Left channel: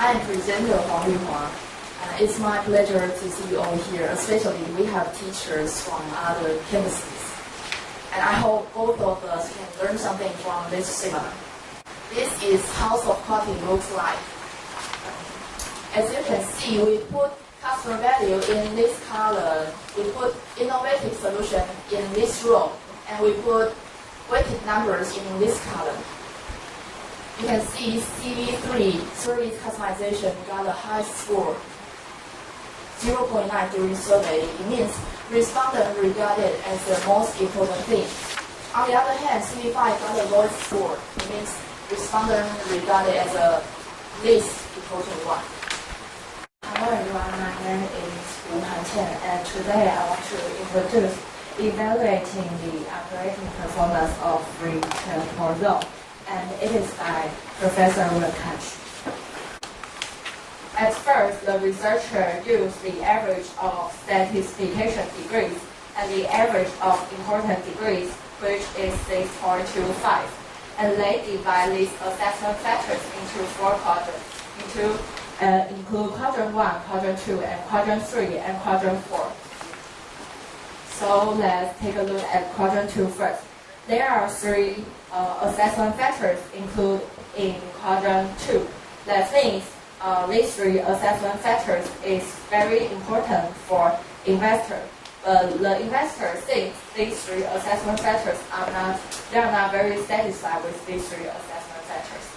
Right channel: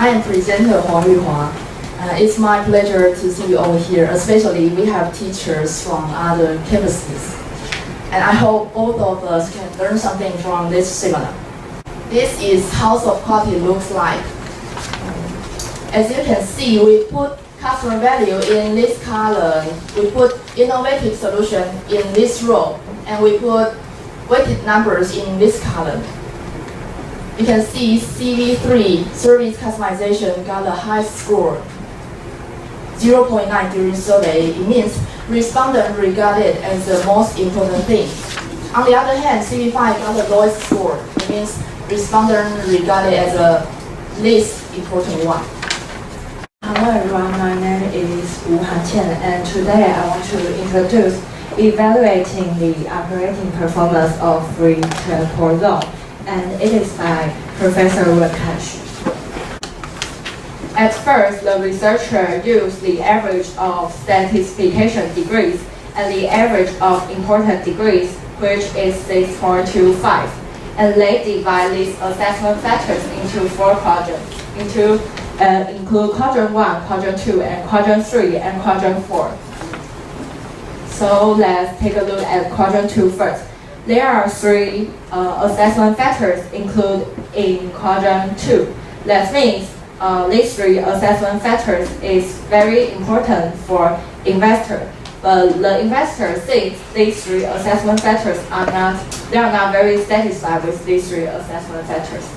I am presenter Huang Yuhua. It's my pleasure to see you all here, especially we have teachers from other campuses. And I hope both of us can learn something from this seminar. This is how soft quality looks like. As you can see, we put customer value in this column, we put innovative solution in this row, and we put weighted numbers in this column. You can see CV3, service customization, got the highest score, 0.9 during survey. It means respondent regarded as the most important thing. On the other hand, CV5 got the lowest score. It means respondent regarded as the least important one. Hello everyone, my name is Wu Han-Qian, and today I want to introduce evaluating the operating performance of free transport zone, and it is by Professor Wen Kanshi. At first, the researcher used the average of satisfaction degrees and the average of important degrees, which is 6.25, and they divide these assessment factors into 4 quadrants, include quadrant 1, quadrant 2, and quadrant 3, and quadrant 4. So let's take a look at quadrant 2 first. There are 3 assessment factors included in quadrant 2. That means these 3 assessment factors is very important for investor. But the investor thinks these 3 assessment factors are not very satisfied with these 3 assessment factors.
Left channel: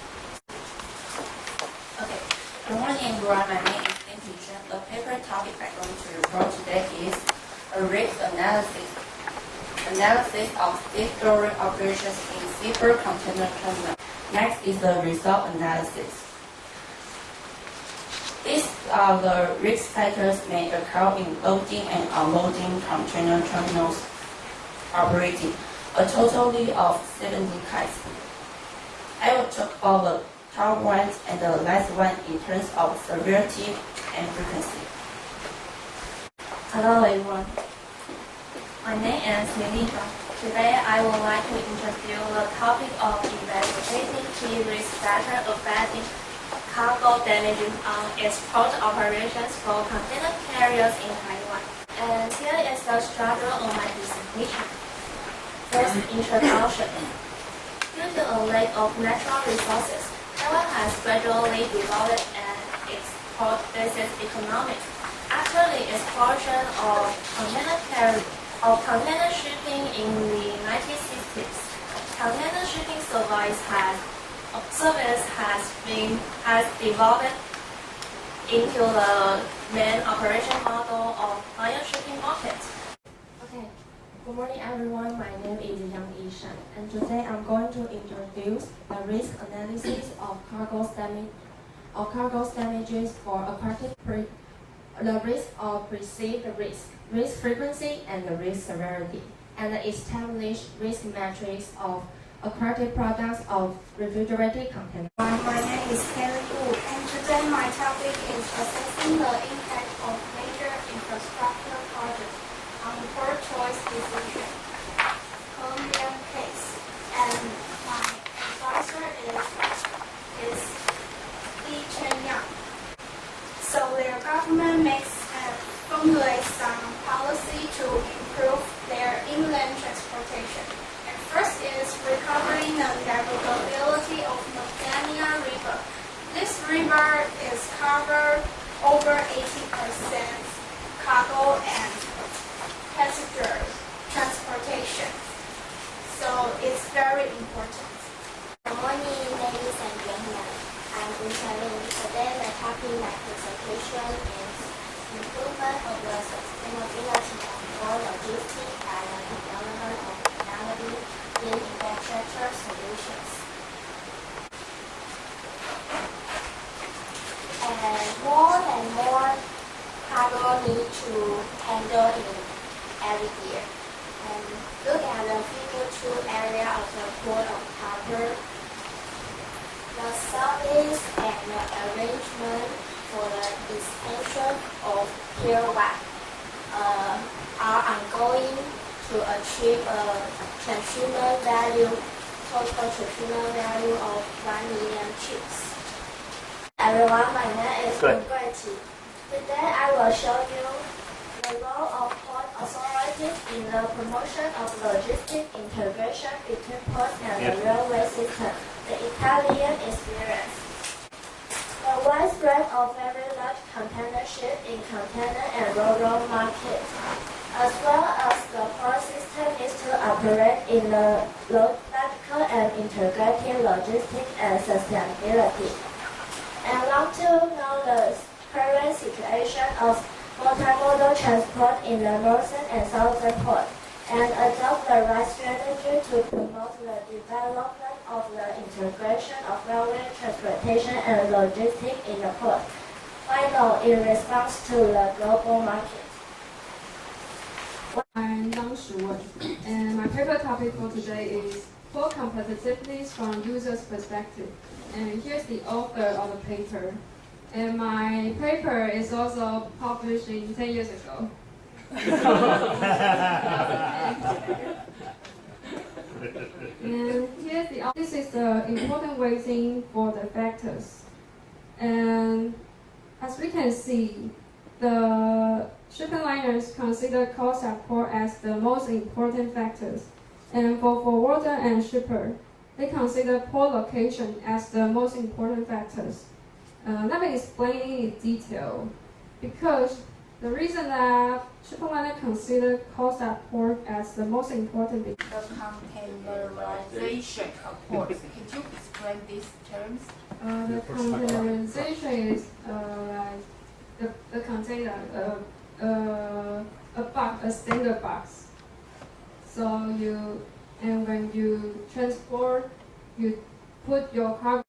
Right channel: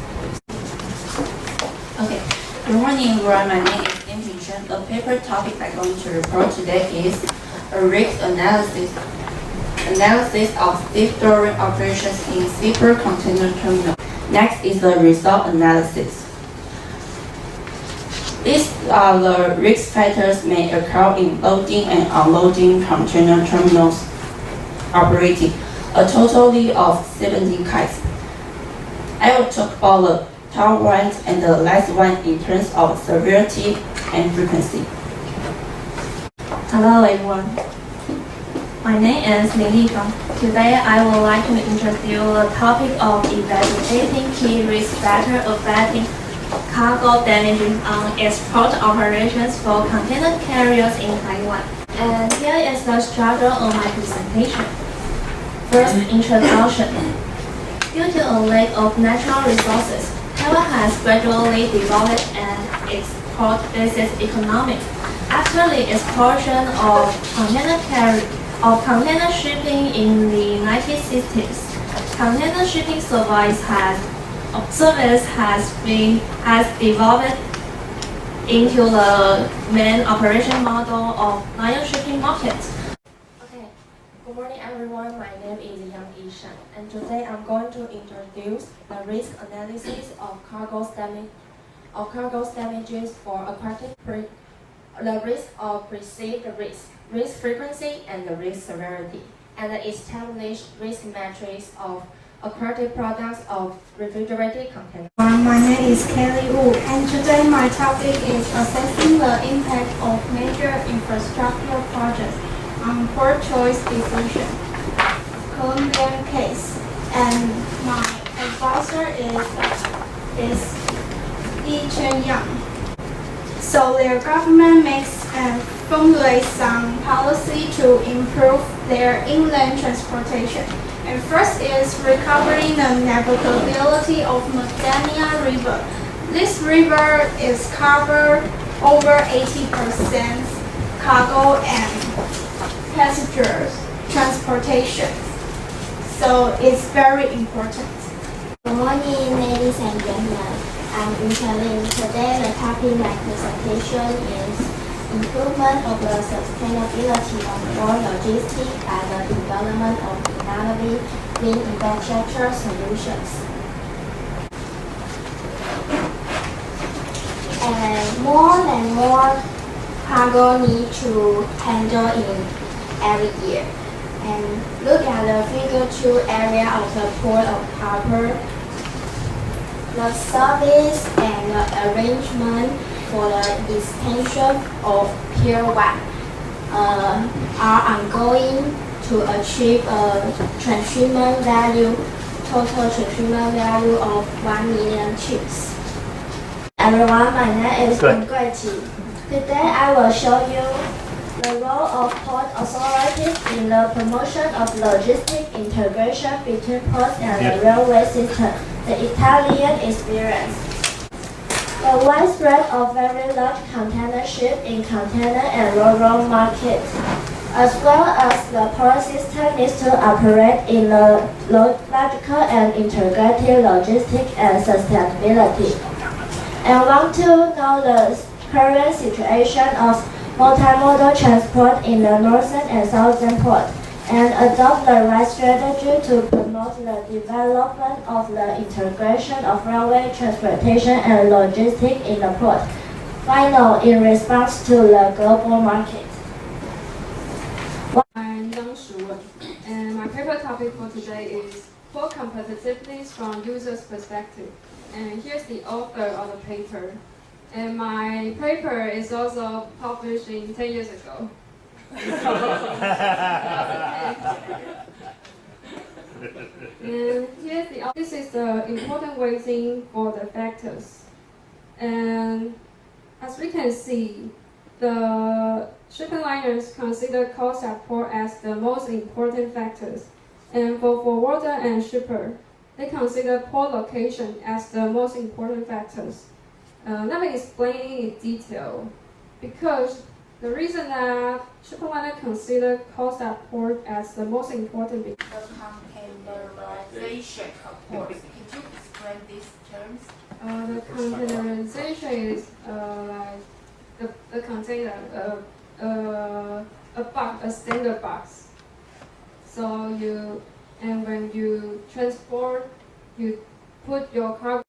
Okay. Good morning, everyone. My name is Lim Chen. The paper topic I'm going to report today is a risk analysis of stevedoring operations in zipper container terminal. Next is the result analysis. These are the risk factors may occur in loading and unloading container terminals operating, a total of 17 kinds. I will talk about the top ones and the last one in terms of severity and frequency. Hello everyone. My name is Lin Yifang. Today I would like to introduce the topic of evaluating key risk factors affecting cargo damaging on export operations for container carriers in Taiwan. And here is the structure of my presentation. First, introduction. Due to a lack of natural resources, Taiwan has gradually developed an export-based economy. After the explosion of container shipping in the 1960s, container shipping service has developed into the main operation model of Lion shipping market. Okay, good morning everyone. My name is Yang Yishan, and today I'm going to introduce the risk analysis of cargo damages for aquatic the risk of perceived risk frequency, and the risk severity, and the established risk matrix of aquatic products of refrigerated containers. My name is Kelly Wu, and today my topic is assessing the impact of major infrastructure projects on poor choice decision, Colombian case, and my advisor is Li Chen-yang. So their government makes and formulates some policy to improve their inland transportation. And first is recovering the navigability of Magdalena River. This river is covered over 80% cargo and passengers transportation. So it's very important. Good morning, ladies and gentlemen. I'm Lin. Today, the topic of my presentation is improvement of the sustainability of port logistics by the development of innovative green infrastructure solutions. And more cargo need to handle in every year. And look at the figure 2 area of the port of Harbour. The service and the arrangement for the extension of Pier 1 are ongoing to achieve a total transshipment value of 1 million tubes. Everyone, my name is Gui Qi. Today I will show you the role of port authorities in the promotion of logistic integration between ports and the railway system, the Italian experience. The widespread of very large container ship in container and rural markets, as well as the port system needs to operate in a logical and integrated logistics and sustainability. And want to know the current situation of multimodal transport in the northern and southern port, and adopt the right strategy to promote the development of the integration of railway transportation and logistics in the port. Final, in response to the global market. I'm楠梓and my paper topic for today is port competitiveness from user's perspective. And here's the author of the paper. And my paper is also published 10 years ago. And this is the important weighting for the factors. And as we can see, the shipping liners consider cost at port as the most important factors. And for forwarder and shipper, they consider port location as the most important factors. Let me explain in detail. Because the reason that shipping liner consider cost at port as the most important The containerization of ports. Could you explain these terms? The containerization is like the container, a standard box. So when you transport, you put your cargo